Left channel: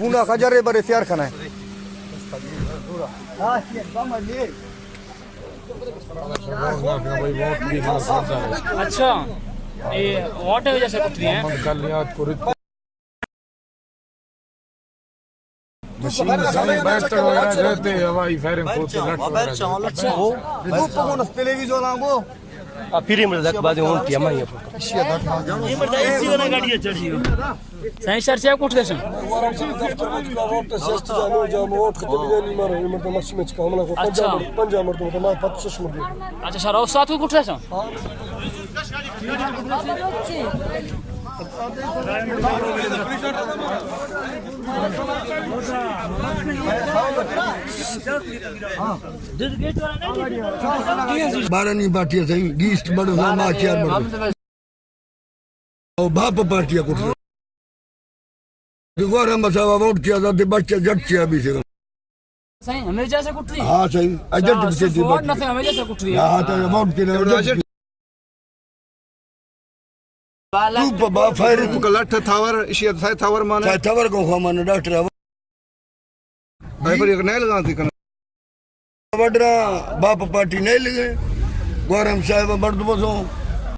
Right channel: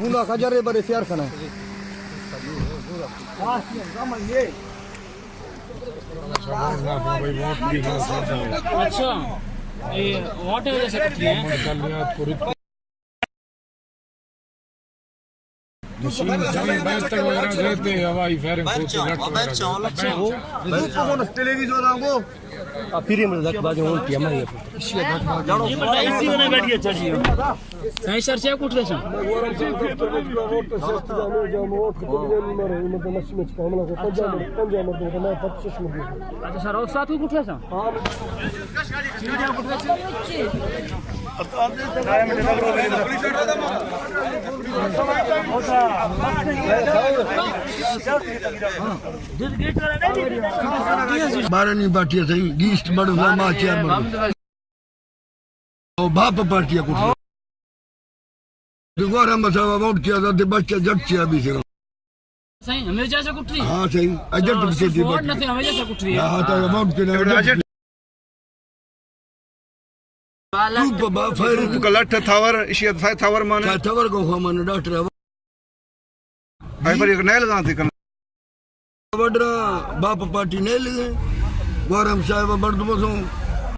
Fauna खजरे बरे तैयार खाना है। अच्छा ये वोट वजह से कुछ नहीं है। मशीन से बैठक वगैरह रहते हवाई फायरिंग टेलीविजन वो फिर मिल बाद में किया मैं ये बता इसी वाला गाड़ी चढ़ी सही सर से कुछ देसो अच्छा अच्छा सर और साथ को कुछ देसो बारह पार्टी सही ईस्ट बड़ो माचियार बड़ो और बाप पार्टी को दोबारा मसावा वोट किया था बच्चे जट से अभी से सही हमें जैसे कुछ नहीं। हाँ सही अजट से थी वोट ना हमें जैसे कुछ नहीं। हाँ तो वोट के अजट तू बाबा फायर का लठ थावर इशिया थावर माने थावर को माने डॉक्टर भाई पर एक नए लगाते कर वडरा बाप पार्टी नहीं लगे गौरम साहब बड़ बसो